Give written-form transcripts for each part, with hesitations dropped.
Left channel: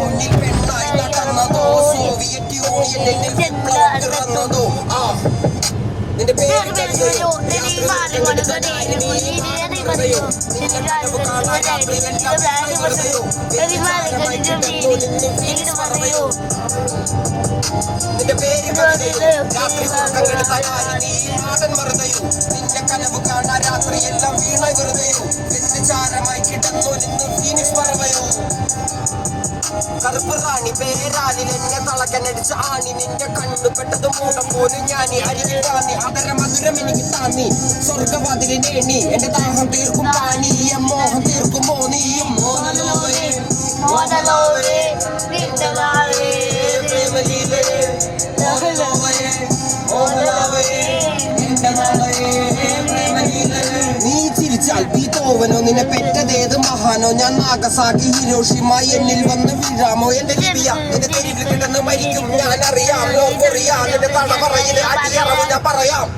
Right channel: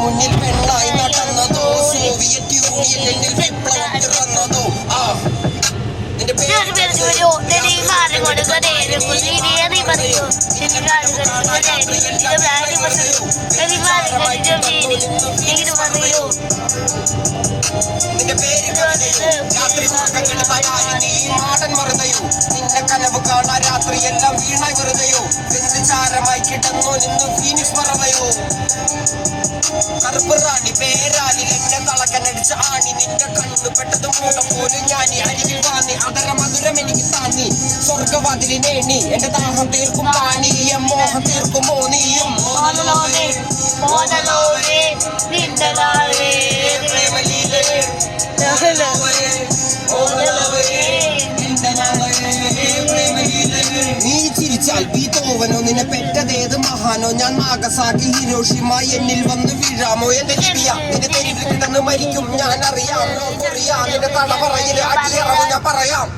മുന്നിൽ പെണ്ണായി നടന്നതോ സോവിയറ്റ് യൂണിയനിൽ വിപ്ലവം പിറന്നതോ നിന്റെ നാടൻ മറുതയോ നിന്റെ കനവ് കാണാ രാത്രിയെല്ലാം വീണായി വെറുതെയോ വെന്തുചാരമായി കിടന്നോ നിന്ന് ഫീനിക്സ് മറതയോ കറുപ്പ് റാണി പേരാലിൽ എന്നെ തളക്കനടിച്ച ആണി നിന്റെ കണ്ണു പെട്ടതും മൂടം പോലും ഞാനി അരികിൽ വാങ്ങി അതര മധുരം എനിക്ക് താന്നി സ്വർഗവാതിലിനേണി എന്റെ ദാഹം തീർക്കും പാണി മോഹം തീർക്കുമോ നീയും നീ ചിരിച്ചാൽ ബീതോവനോ നിന്നെ പെറ്റതേത് മഹാനോ ഞാൻ നാഗസാക്കി ഹിരോഷിമ എന്നിൽ വന്ന് വീഴാമോ എന്റെ ലിബിയ എന്റെ തെരുവിൽ കിടന്ന് മരിക്കും ഞാൻ അറിയാം നോർക്കൊറിയാം എന്റെ തള പറയിലെ അടിയറവ് ഞാൻ പറയാം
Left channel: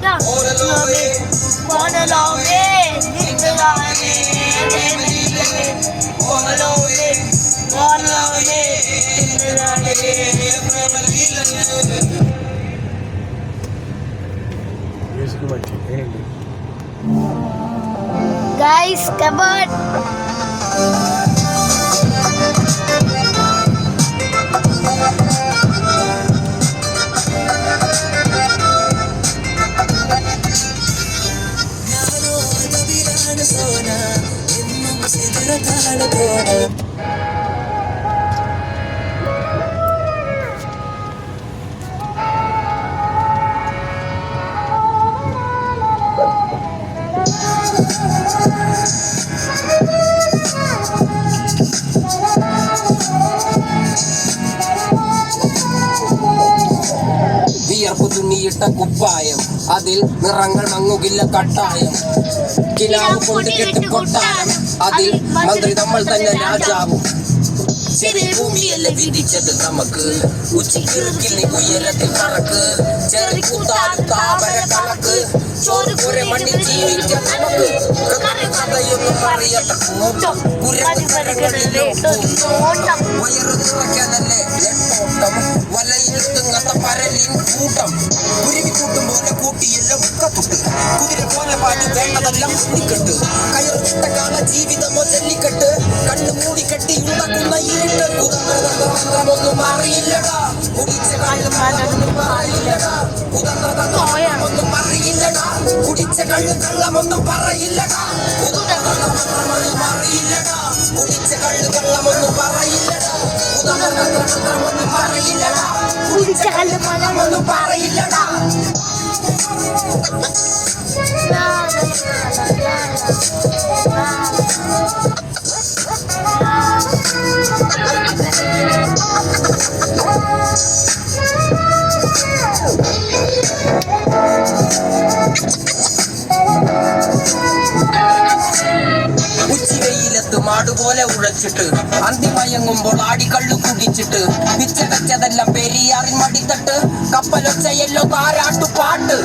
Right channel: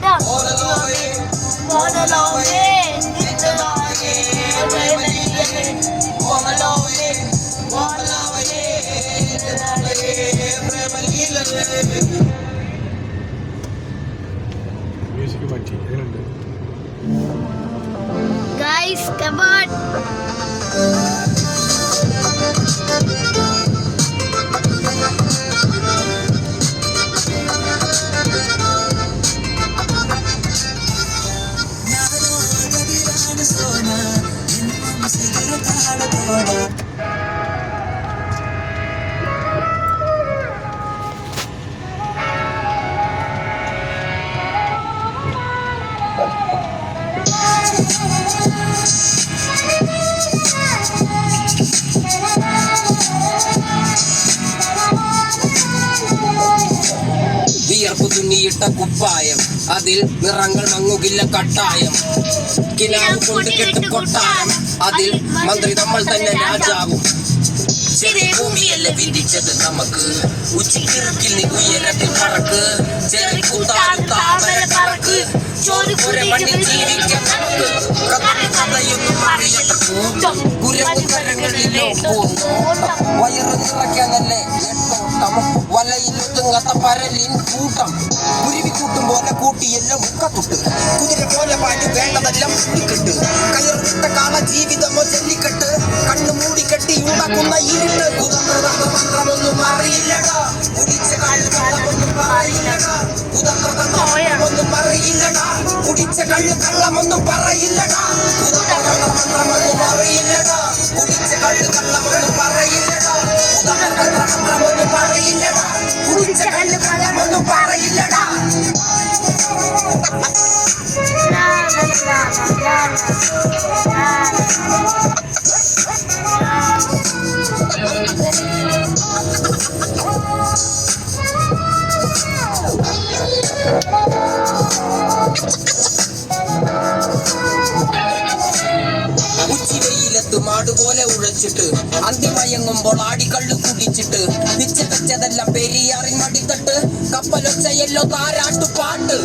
Guys, come on. തുന്നിയിട്ട കുപ്പായം അതിൽ നിറങ്ങൾ മങ്ങുകില്ല കട്ടായം കിനാവ് കൊണ്ട് കെട്ട് കൊട്ടാരം അതിൽ മന്ത്രി നമ്മൾ തന്നെ രാജാവും ചെറിയ ഭൂമിയല്ല വിധിച്ചത് നമുക്ക് ഉച്ചക്കിറക്കിൽ നീ ഉയരത്തിൽ കറക്ക് ചെറിയ കൂട്ടാൻ താമര പറക്ക് ചോരുകുരെ മണ്ണിൽ ജീവിക്കാൻ നമുക്ക് കഥയൊന്നും അറിയാത്ത കൂട്ടം കുരങ്ങളിലോ വയറ് നിറയ്ക്കാനല്ലേ നെട്ടോട്ടം വലയിലൊതുങ്ങാത്ത പരലിൻ കൂട്ടം കുരുവിക്കൂട്ടും പോലെ കൂട്ടിയെല്ലാം ഉക്കത്തുട്ട് കുതിര പോലെ പാടി വേണ്ടതെല്ലാം കുട്ടിക്കെട്ട് കയറിട്ട കാണ ജീവിതമോ ജല്ലിക്കെട്ട് കണ്ണു മൂടിക്കെട്ടി ഉണ്ടാക്കുന്ന ഇരുട്ട് കുതന്ത്രമൊന്നും അറിയില്ലടാ കുടിച്ച കള്ളൊന്നും അറിയില്ലടാ കുതന്ത്രമൊന്നും അറിയില്ലടാ കുടിച്ച കള്ളൊന്നും പറയില്ലടാ കുതന്ത്രമൊന്നും അറിയില്ലടാ കുടിച്ച കള്ളൊന്നും പറയില്ലടാ കുതന്ത്രമൊന്നും പറയില്ലടാ കുടിച്ച കള്ളൊന്നും പറയില്ലടാ ഉച്ചവെയിലത്ത് മാടുപോലെ ഉഴച്ചിട്ട് അന്തിമയങ്ങുമ്പോൾ ആടിക്കള്ളു കുടിച്ചിട്ട് മിച്ചതച്ചതെല്ലാം പെരിയാറിൻ മടിത്തട്ട് കപ്പലൊച്ചയല്ലോ താരാട്ടുപാട്ട്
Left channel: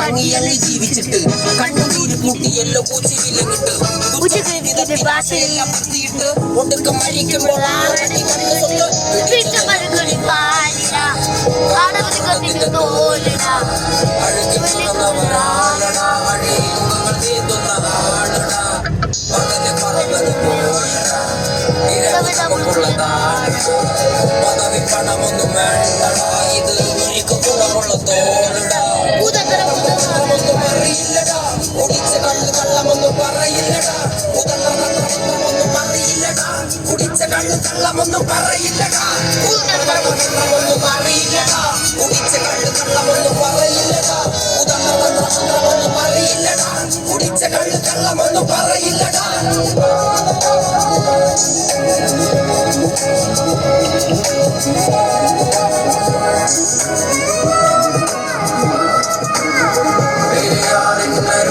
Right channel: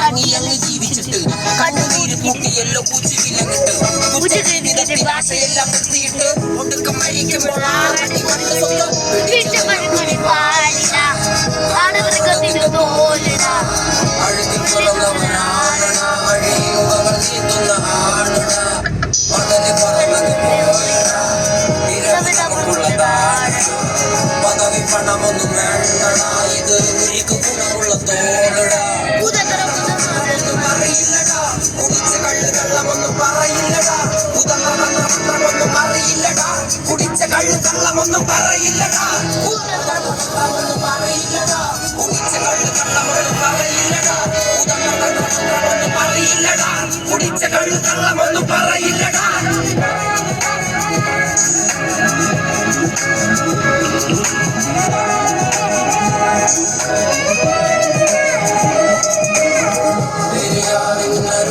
ടങ്ങിയങ്ങ് ജീവിച്ചിട്ട് കണ്ണുനീര് കൂട്ടിയല്ലോ പൂച്ചിവിലങ്ങിട്ട് ഭാഷയെല്ലാം നിർത്തിയിട്ട് ഒടുക്കം മരിക്കുമ്പോൾ പദവി പണമൊന്നും വേണ്ടടാ ഇത് എനിക്ക് ഗുണമുള്ള തോന്നടാ ഒന്നും അറിയില്ലടാ കുടിച്ച കള്ളമൊന്നും പറയില്ലടാ കുതന്ത്രമൊന്നും അറിയില്ലടാ കുടിച്ച കള്ളമൊന്നും പറയില്ലടാ കുതന്ത്രമൊന്നും അറിയില്ലടാ കുടിച്ച കള്ളമൊന്നും പറയില്ലടാ കുതന്ത്രമൊന്നും അറിയില്ലടാ കുടിച്ച കള്ളമൊന്നും പറയില്ലടാ